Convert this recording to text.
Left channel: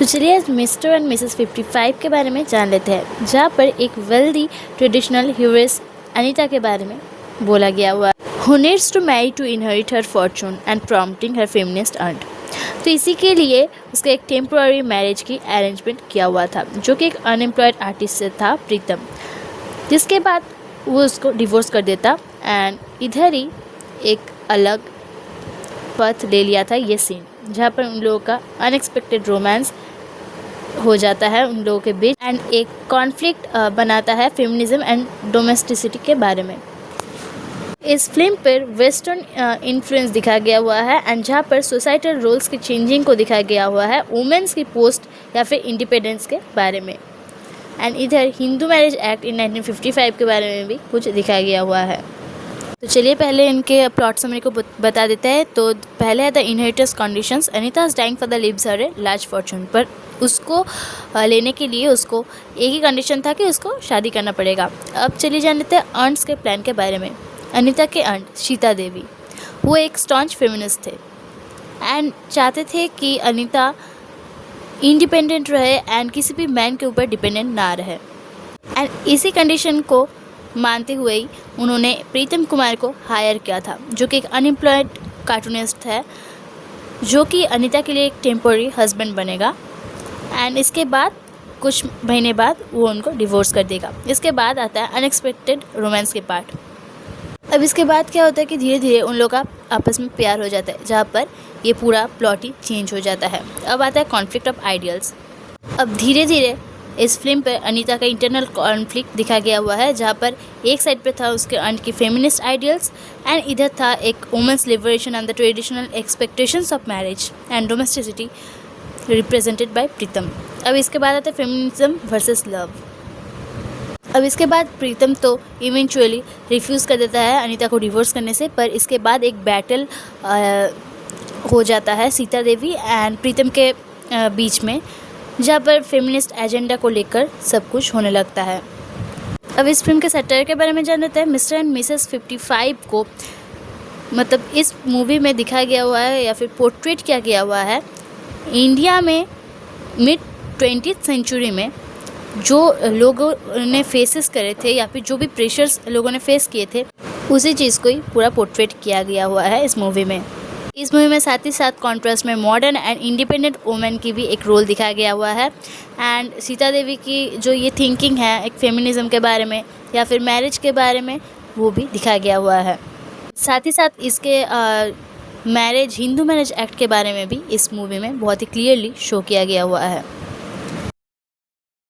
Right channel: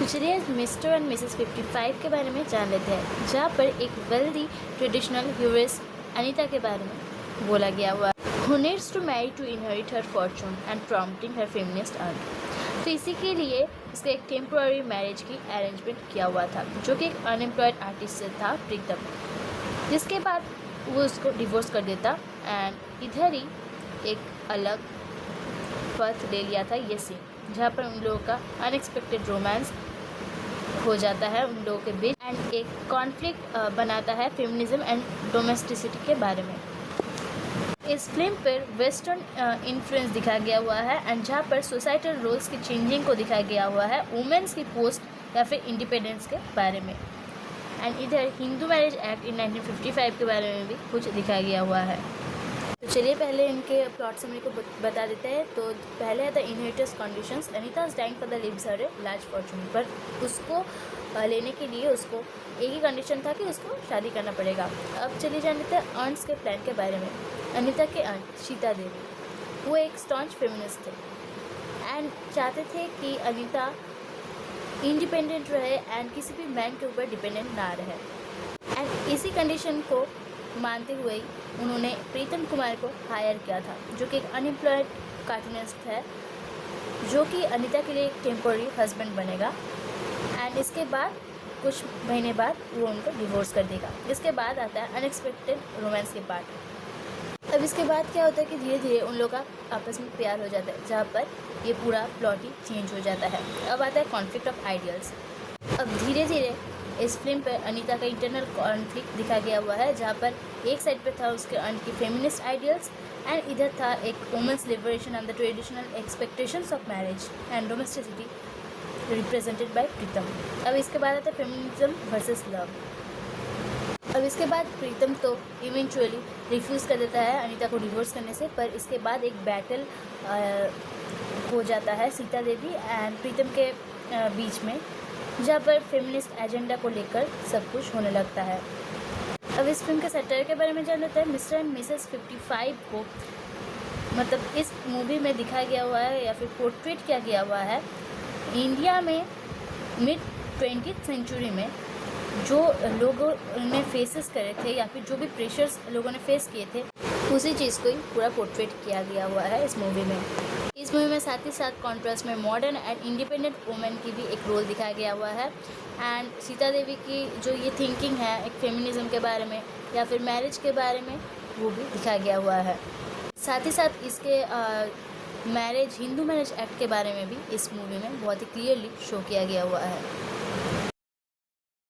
तो चलिए आज मिस्टर एंड मिसेस 55 के बारे में जान लेते हैं, जहाँ पर एक वेल्दी ट्रेडिशनल ह्यूरेस अनीता के बारे में बोला गया हुआ who needs to marry to inherit her fortune and prompting her feminist earn. तो इसी के लिए उसका एक टेम्पोररी मैरिज की अरेंजमेंट किया हुआ था, जो कि एक अनएम्प्लॉयड आर्टिस्ट से था प्रीतम, जिसके बाद वो उसको डिवोर्स कर देता एंड इधर ही एक अलग पथ ले लिया था ये सीन, जहाँ पर उन लोगों का अनएक्सपेक्टेड रोमांस हो जाता है उन लोगों के बीच एंड एक कॉन्फ्लिक्ट बनाता है फेमिनिज्म एंड डोमेस्टिसिटी के बारे में। इस फिल्म पर वेस्टर्न इन्फ्लुएंस दिखाया गया हुआ है एंड जहाँ पर सोसाइटल रोल्स के चेंजिंग को दिखाया गया हुआ है, वुमेन्स की पोस्ट या फिर इंडिपेंडेंस के बारे में। एंड इधर हिंदू मैरिज एक्ट इन 1955 के बारे में भी कुछ दिखाया गया हुआ है। तो चलिए पहले इनके प्लॉट समरी को बता देते हैं। तो पहले है the inheritance conditions. Anita is dying for the lives her a large fortune, पर उसको लेने के लिए उसको एक ही कंडीशन था कि उसको शादी करना पड़ेगा। अब चलिए जान लेते हैं अर्न्स के प्लान के बारे में। अनीता के अर्न सीता देवी, वो एक स्टॉन्च फेमिनिस्ट थे एंड चाहते थे कि अनीता इंडिपेंडेंट रहे एंड किसी भी मैन के ऊपर डिपेंडेंट ना रहे। एंड इसी कंडीशन को मानते हुए ही उन्होंने प्रीतम कुमार को हायर किया था, जो कि एक अनएम्प्लॉयड कार्टूनिस्ट है, जो कि अनीता के लिए एक टेम्पोररी हस्बैंड बनेगा एंड इसके बाद कुछ महीने बाद वो उनको डिवोर्स कर देगा। इसके बाद आता है अनएक्सपेक्टेड रोमांस के पार्ट। अब इसके बाद क्या होता है कि धीरे धीरे उन लोगों का आपस में प्यार हो जाता है, जहाँ पर ये पूरा प्लॉट ही चेंज हो जाता है। अब आता है कॉन्फ्लिक्ट ऑफ आइडियल्स। अब धीरे धीरे इस फिल्म पर अनीता का इंटरनल कॉन्फ्लिक्ट दिखाया गया हुआ है, जहाँ पर एक साइड पे था उसके अंड की फेमिनिस्ट आइडियल्स एंड इधर था एक women's liberation and the traditional expectations of marriage and domesticity represented by Pritam. अब इसके बाद आता है फेमिनिज्म वर्सेस लव। अब इसके बाद प्रीतम तो इवेंचुअली रिफ्यूज़ कर देता है अनीता को डिवोर्स करने से, पर इसके बाद एक बैटल हो जाता है सीता देवी एंड प्रीतम के बीच में, जहाँ पर फेमिनिस्ट एजेंडा को लेकर सब कुछ होने लगता है। अब इस फिल्म के सटर के बारे में जान लेते हैं। मिस्टर एंड मिसेस 55 को मतलब इस मूवी में दिखाया गया हुआ है या फिर पोर्ट्रेट किया गया हुआ है इंडिया में मिड 20th सेंचुरी में जो लोगों ने फेसेस करे थे या फिर जो भी प्रेशर्स लोगों ने फेस किए थे, उसी चीज़ को ही पूरा पोर्ट्रेट किया गया हुआ है इस मूवी में। इस मूवी में साथ ही साथ कॉन्ट्रास्ट में मॉडर्न एंड इंडिपेंडेंट वुमेन की भी एक रोल दिखाया गया हुआ है एंड सीता देवी की जो ये थिंकिंग है एक फेमिनिज्म के बारे में या फिर मैरिज के बारे में, वो भी दिखाया गया हुआ है। साथ ही साथ इसके मैरिज हिंदू मैरिज एक्ट के बारे में भी इस मूवी में बहुत ही क्लियरली शो किया गया हुआ है।